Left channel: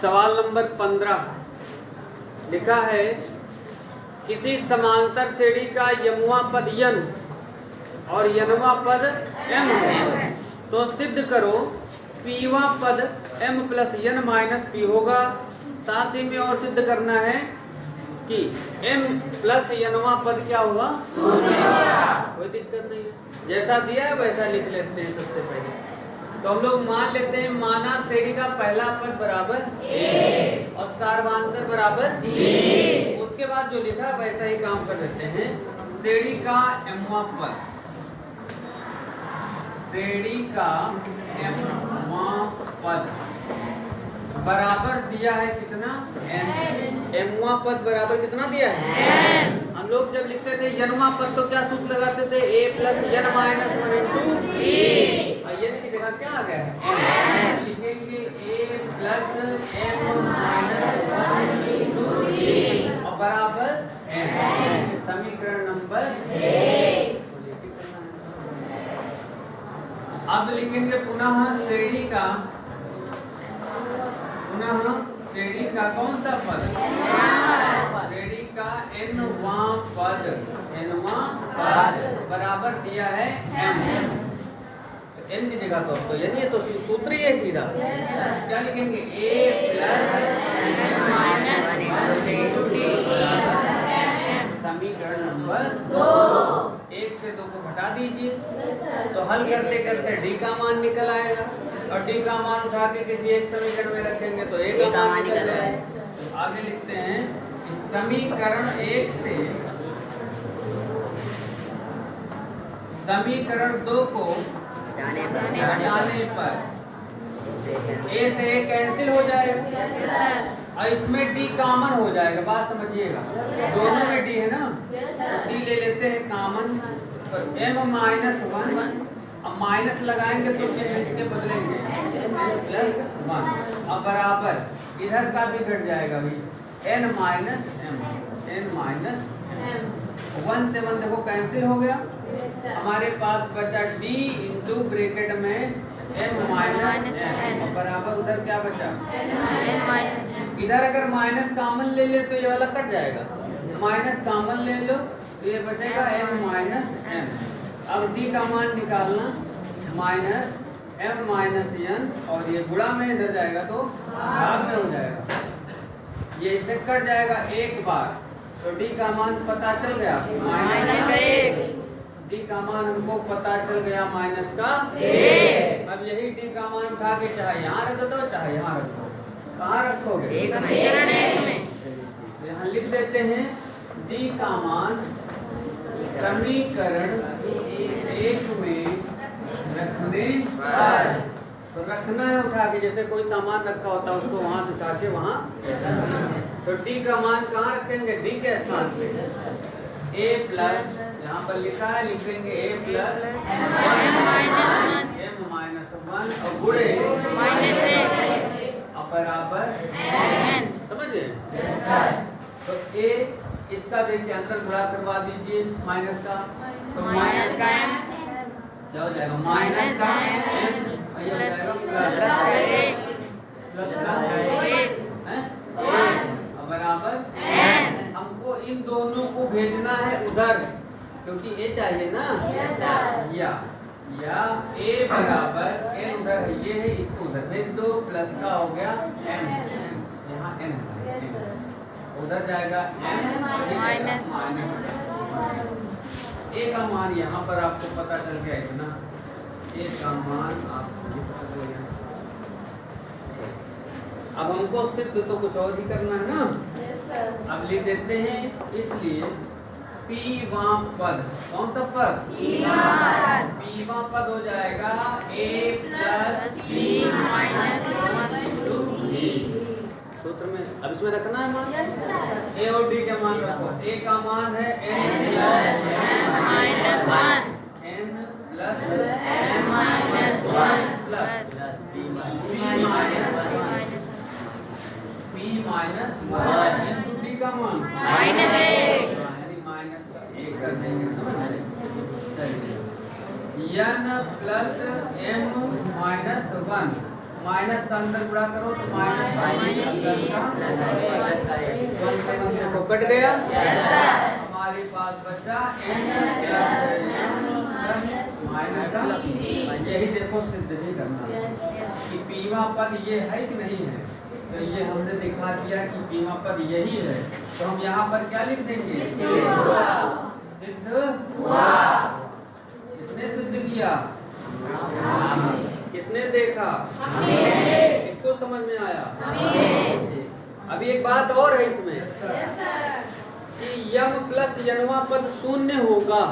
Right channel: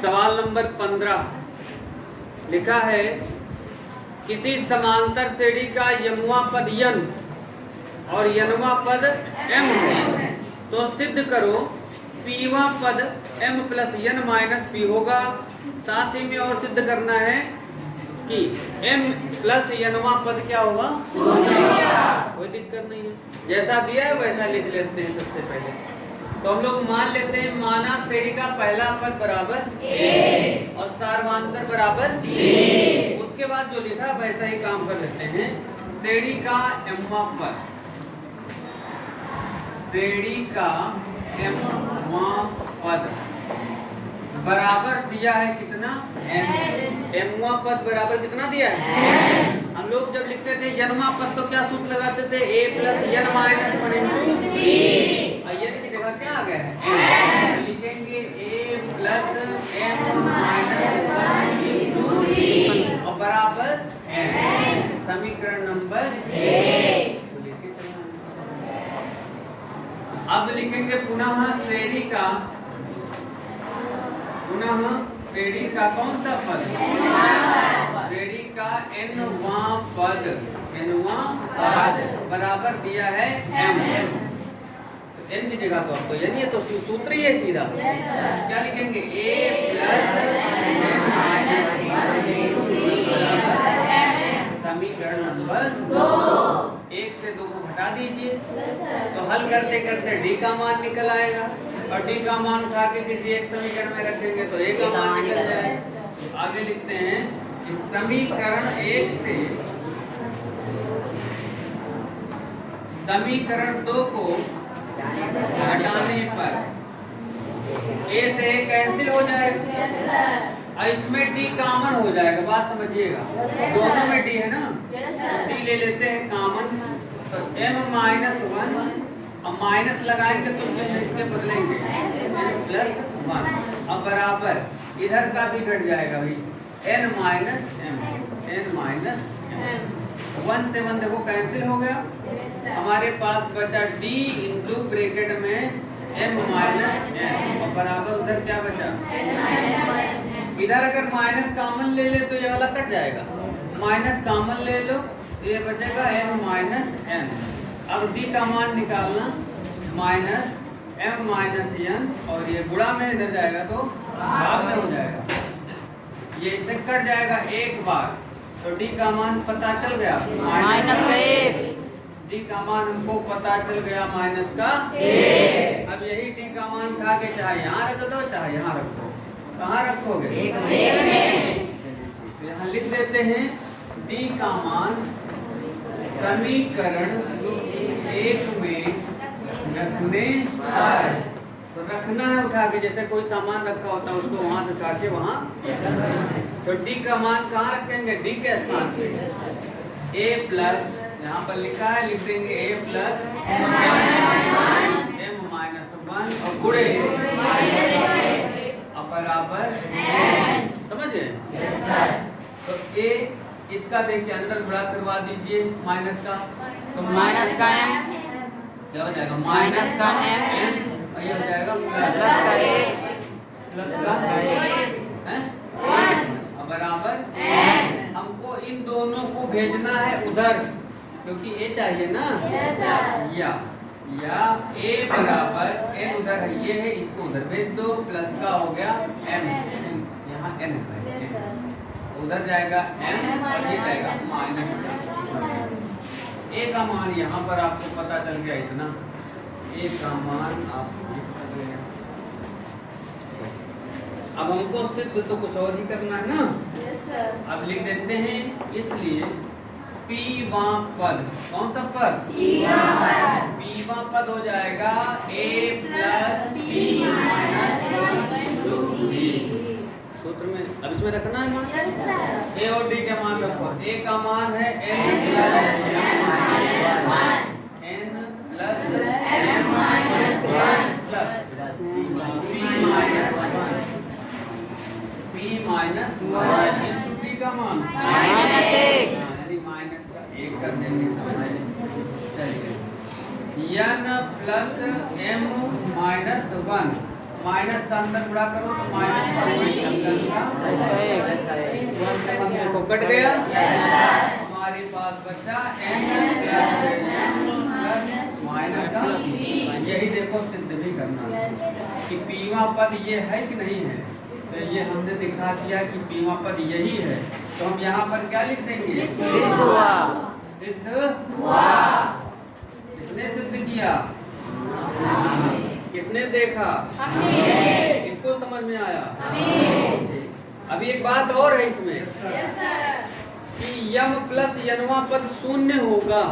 सवाल नंबर 15 लिखा है किसी समांतर श्रेणी का यमुआ पद यन और यनवा पद m है तो सिद्ध करो पीवा पद m plus n minus P होगा। साथ ही में और सिद्ध करना है कि m प्लस यनवा पद क्या होगा, कोई दिक्कत नहीं है, जैसा दिया है वैसा लिख लेते हैं। सबसे पहले तो हम लोग मान लेते हैं माना श्रेणी का पहला पद बराबर a और सार्वधातुक बराबर d। उसके बाद जो लिखा वैसा ही काम कर लेते हैं। श्रेणी का mवा पद, श्रेणी का mवा पद बराबर दिया है कितना, m। mवा पद बराबर कितना दिया है, हम लोग जब लिखते थे यनवा पद तो क्या सूत्र लगाते थे, a plus n minus 1 into d। यन की जगह क्या आ गया है, लिखेंगे a plus m minus 1 into d और बराबर m। समीकरण नंबर 1। अब लिखेंगे पुनः श्रेणी का कौन सा पद, श्रेणी का nवा पद बराबर दिया है m। तो n की जगह तो अब तो यानी ये तो सूत्र ही है सीधा। क्या लिखेंगे, a प्लस समीकरण नंबर 2। 1 से 2 को घटा दीजिए तो हल करते करते d का मान निकल आएगा और d का मान उठा के किसी एक समीकरण में रखेंगे तो a का मान निकल जाएगा। आगे लिखते हैं कि समीकरण 1 से समीकरण 2 को हटाने पर a से a कैंसिल हो जाएगा और इसमें d कॉमन हो जाएगा। बात समझिएगा, दोनों में d है ना, तो d ले लेते हैं कॉमन तो m माइनस 1 अब माइनस लगाएंगे तो चिन्ह इसके बदलेंगे प्लस 1 अब बराबर इधर का भी घट जाएगा भाई n minus m, n minus m। 1 से 1 देखो कैंसिल हो गया, हमारे पास बचा d इंटू ब्रैकेट में m माइनस m और बराबर उधर क्या बचा, इधर अगर माइनस कॉमन ले ले तो ये वाला कट जाएगा, माइनस कॉमन ले लो तो ये बचेगा m माइनस n। अब d का मान निकालना माइनस m माइनस n और ये गुणा में इधर जाएगा तो भाग में हो जाएगा, ये इससे कट जाएगा एक बार तो d का मान पता चल गया माइनस का 1। d का मान हमको पता चल गया माइनस का 1। अब यही d का मान उठा के चाहे यहाँ रख दो चाहे यहाँ रख दो, कहाँ रखोगे, तो यहाँ लिख देते हैं d का मान समीकरण 1 में रखने पर, तो रखना है उठा के, जैसे कोई सामान रखा होता है उसको वहां से उठा के वहां, तो d का मान कहाँ रखेंगे, d के स्थान पे a प्लस यहाँ पर लिखा है लिख देंगे a प्लस m माइनस 1 और गुणे अब बराबर समझे। तो a इसका देखिए अंदर गुणा करवा दीजिए माइनस का, तो माइनस का m क्या हो जाएगा, माइनस का m और ये हो जाएगा प्लस का a और बराबर हमको इन दोनों को भेजना है उधर क्योंकि a चाहिए ना, या a बराबर n उधर है, ये है इसको उधर भेज दो, प्लस का हो गया m, यहाँ n है उधर जाएगा m और ये जाएगा माइनस a का मान यहाँ पर आपको पता चल गया इतना, a का मान आपको ये पता चल गया। अब हमको सिर्फ तो कुछ और ही करना है ना, अब लिख देते हैं इसलिए पीवा पद, कौन सा पद, पीवा पद हो जाएगा a plus b minus 1 into b। सूत्र में अब इसमें रखना है मान, a और d का मान रखो, a का मान है n plus m minus 1 plus p minus 1 into d का मान माइनस 1, यानी माइनस का 1 कर देंगे, समझे। चलिए n plus m minus 1 minus का अंदर गुणा करो तो माइनस को कट गया। हमारे पास बचा n प्लस यही देखो सिद्ध भी करना कि पीवा पद ये है कि नहीं है। तो ये हमने दिखा दिया कि पीवा पद यही है, तो हम यहाँ पर क्या लिख देंगे? सिद्ध हुआ। किसने सिद्ध किया? किसने देखा? किसको समझ में आया? अभी एक बात और है इसमें कि यम प्लस यनवा पद शून्य होगा,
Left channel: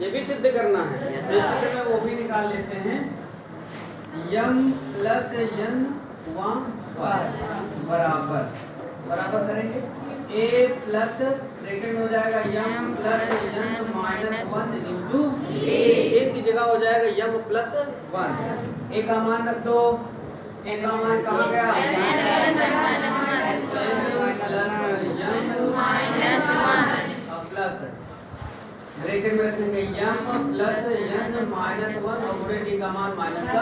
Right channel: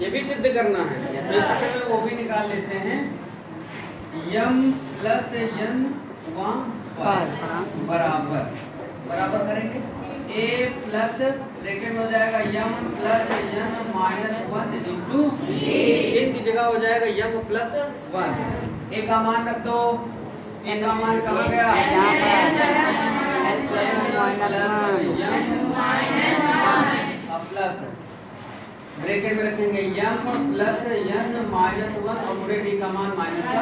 ये भी सिद्ध करना है। तो इसके में वो भी निकाल लेते हैं। यम प्लस यनवा पद बराबर बराबर करेंगे a प्लस ब्रैकेट में हो जाएगा m plus n minus 1 into n की जगह हो जाएगा यम प्लस 1। a का मान रख दो। a का मान कहाँ गया? प्लस ब्रैकेट में रखेंगे यम प्लस यन माइनस 1 और पूरे d का मान माइनस का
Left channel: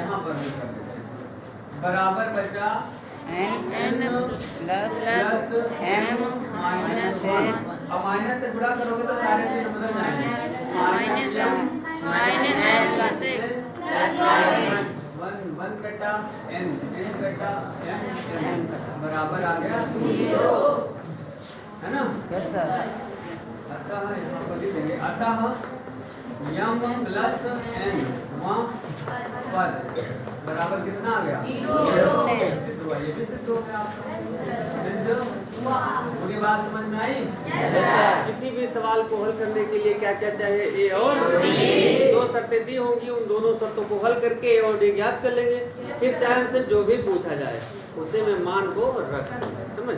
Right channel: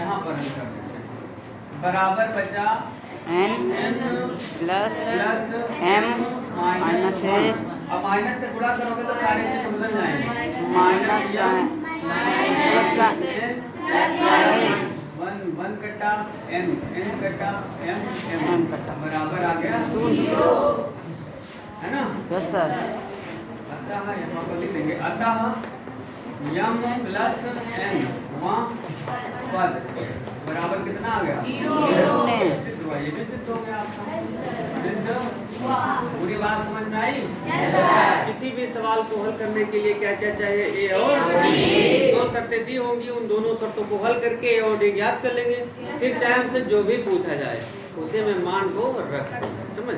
यहाँ पर हम कर देते हैं बराबर बचा n प्लस m माइनस 1। अब माइनस से गुणा करोगे तो सारे चिन्ह बदल जाएंगे। माइनस m वन कटा n कटा m बराबर आ गया 0, है ना? Yes sir. अतः यहाँ पर लिख देंगे अतः यम प्लस n पद बराबर कितना आ गया? 0। सिद्ध हुआ। ये भी सिद्ध हो गया आपका। पूरी बात समझ में आई? किसी भी सवाल को हल करने के लिए क्या क्या चाहिए? ए और डी। 2 शर्तें दी होंगी, उन दोनों शर्तों को हल करके ए और डी ज्ञात कर लेंगे। फिर चाहे हमसे जो भी पूछा जाए उसे में मान को रख, समझ